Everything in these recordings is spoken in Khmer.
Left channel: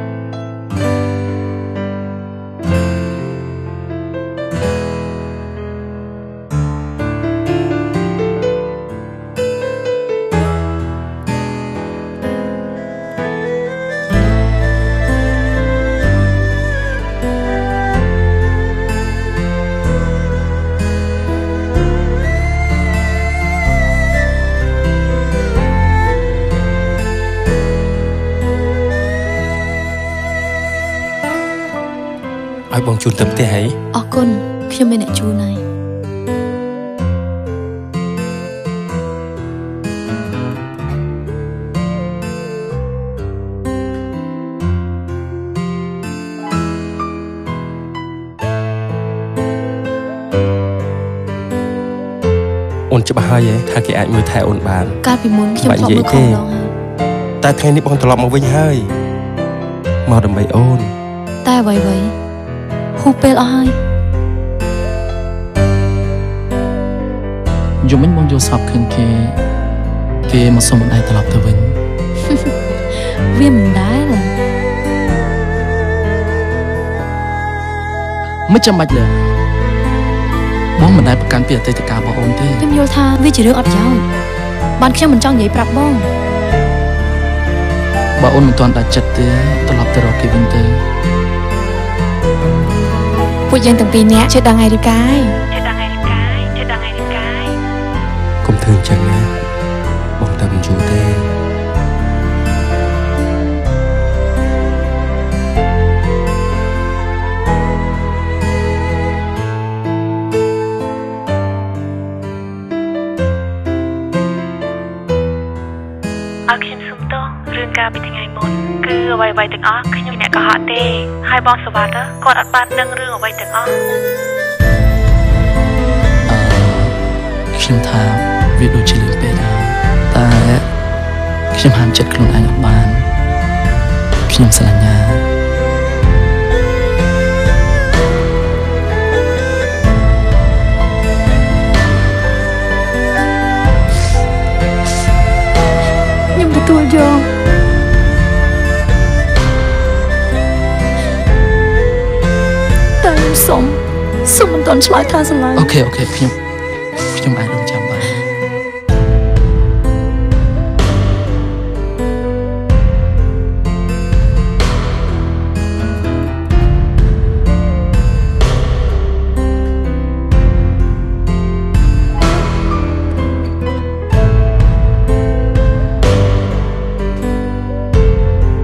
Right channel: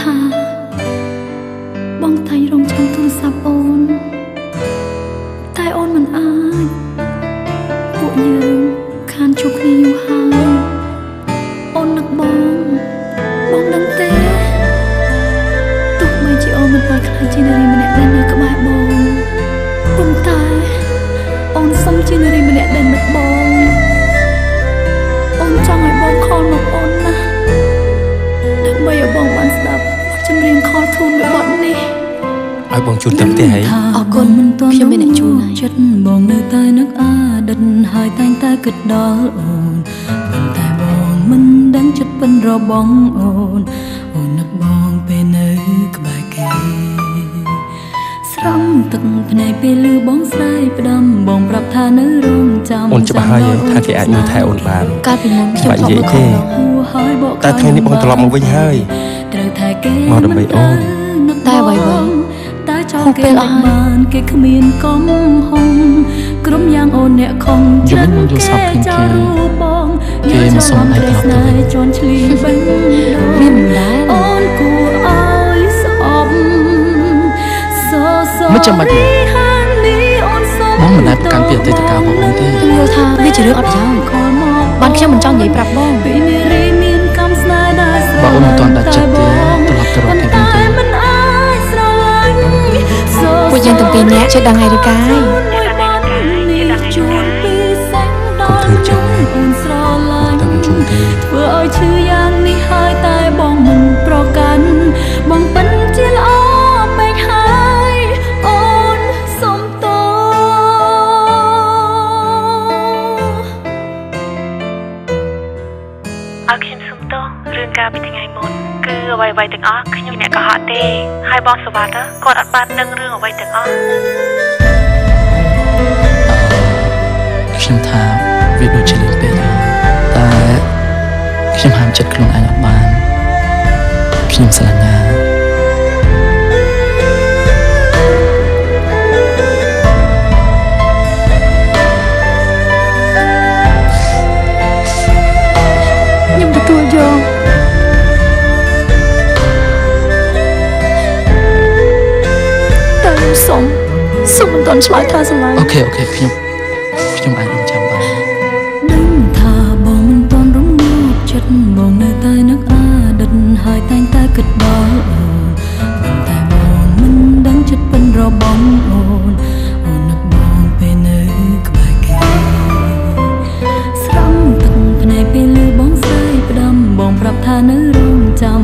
ថាបងតែរងចាំទូរស័ព្ទអូនតែអូនមិនអាចពួកយើងខានជួបគ្នាយូរហើយអូននឹកបងដឹងទេទោះបីជាអូនមិនអាចខ្លាចជានារីម្នាក់ដែលនៅក្បែរបងប៉ុន្តែអូនសឹងជានារីម្នាក់ដែលនឹកបងអូនចង់ឲ្យបងខលមកអូនណាដើម្បីឲ្យបងបានស្ដាប់ចម្រៀងខលធូនរបស់នេះឲ្យបងជូនទៅផ្ទះហើយអរគុណខ្ញុំមានអ្នកជូនហើយចិត្តបងនៅតែនឹកអតីតហើយតែងតែគិតដល់អូនប៉ុន្តែបងមិនដឹងចិត្តពិនរបស់អូននឹកបងពេលនៅក្បែរគេស្រង់ទឹកភ្នែកពេលឮបងស្ដាយផ្ដាំបងប្រាប់ថានៅរងចាំអូនច្បាស់ហើយថាគេអាចមើលថែអូនបានកាលពីមុនខ្ញុំធ្លាប់មើលខំដងហើយតែថ្ងៃនេះបងត្រឡប់មកវិញហើយមកដើម្បីអូនតែអ្វីហូបពេលអស់ហើយគេគ្មានកំហុំក្រុមយ៉ាងអូនអ្នកខំយំមិញបងយល់សពឃើញគេមកសុំដៃត្រឡប់ទៅវិញវាមិនដែរមិនចាំបាច់លើបងមិនដែលប្រកាន់ពីអតីតកាលរបស់អូនទេខ្ញុំយល់ថាវាជារឿងអត់ប្រយោជន៍បានខ្ញុំមិនចង់និយាយប្រាប់បងបើអូនមិនទាន់ដាច់ចិត្តទេត្រឡប់ទៅរកគេវិញទេពួកយើងទាំងពីរនាក់ជឿដឹងឯរីកាយកុំធ្វើចឹងណាបងតែមិនជួទេធ្វើឲ្យឈឺយ៉ាងនេះហើយតែបងមិនប្រកាន់បងពិនជាល្អពេកហើយអូនសុំទោសអើខ្ញុំសុំទោសរឿងការពីថ្ងៃមុនគឺអ្វីៗទាំងអស់ខ្ញុំអ្នកកុហកទេហើយបងសវត្ថគាត់អត់បានដឹងរឿងអ្វីទាំងអស់ខ្ញុំថាវាដូចជាលឿនពេកហើយតែខ្ញុំហាមចិត្តខ្លួនឯងអត់បានខ្ញុំស្រឡាញ់ណាខ្ញុំទទួលយកតែសុំមិនទាន់ឆ្លើយថាស្រឡាញ់អូខេខ្ញុំអាចរំចាំបានថាបងមិនទាន់រំលឹកចិត្តមកនៅតែនឹកអតីតហើយតែងតែគិតដល់អូនតែបងមិនដឹងចិត្តពិនរបស់អូននឹកបងពេលនៅក្បែរគេស្រង់ទឹកភ្នែកពេលឮបងស្ដាយផ្ដាំបងប្រាប់ថានៅរងចាំ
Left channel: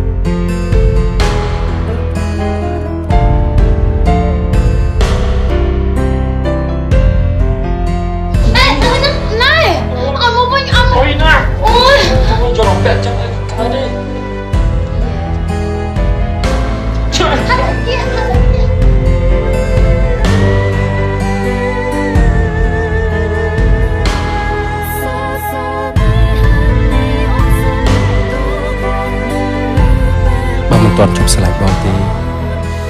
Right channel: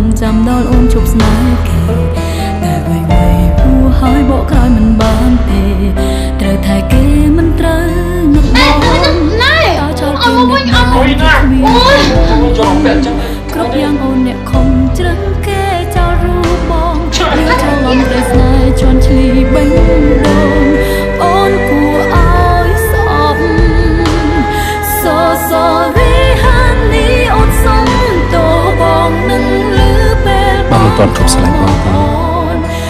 ដល់អូនជប់ស្នេហ៍គេតែវិញពូហើយបកក្រោយមិនបានទេត្រូវតែគេមិនត្រូវអូយណាអូយចូលរំពាក់ចឹងក្រោយយ៉ាងអូនអ្នកខំជ្រឹងគេចោលរូបបងជួយឲ្យបងរស្នេហ៍ជន់ឈ្លីបេះអូនគួរឲ្យស្អប់sorry honey អូនសុំទោសបងនឹងលឺពេលបើមិនទាន់ជប់ស្រឡាញ់បងទេ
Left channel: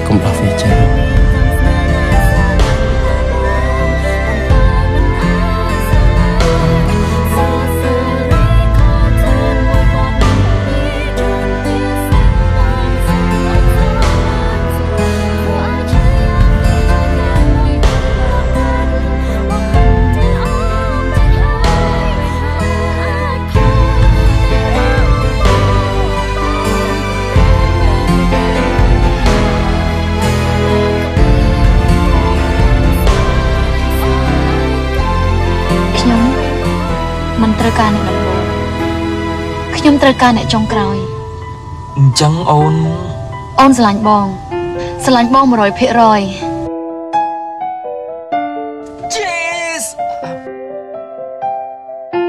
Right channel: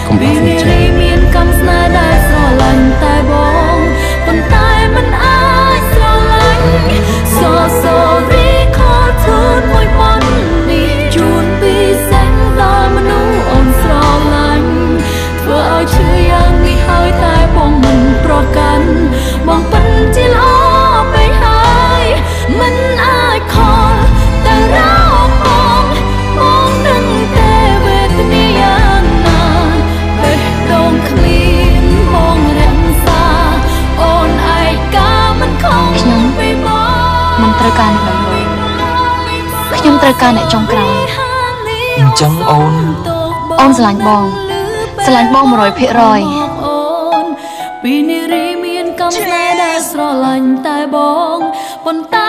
កុំដោះវាចេញមានកំស្នេហ៍ដែលស្រឡាញ់តែបងប៉ុន្តែមិនអាចស្រឡាញ់sorry ខលធូនមួយប៉ុននេះជួនពីសេចដល់មនុស្សអូនស្រឡាញ់ធ្វើឲ្យឈឺយ៉ាងនេះហើយតែបងមិនប្រកាន់បងពិនជាល្អពេកហើយមិនអាចខលតែរកបងនឹងតែវេទនាយ៉ាងណាពេលដងគ្មានបងរក្សាអូនឯកាមិនខំខ្ញុំមិនត្រូវការអ្នកដំបូងខ្ញុំត្រូវការអ្នកចុងក្រោយអញ្ចឹងអូនស្រឡាញ់បង100%ពីនារីមានកំណត់ដែលស្រឡាញ់តែបងប៉ុន្តែ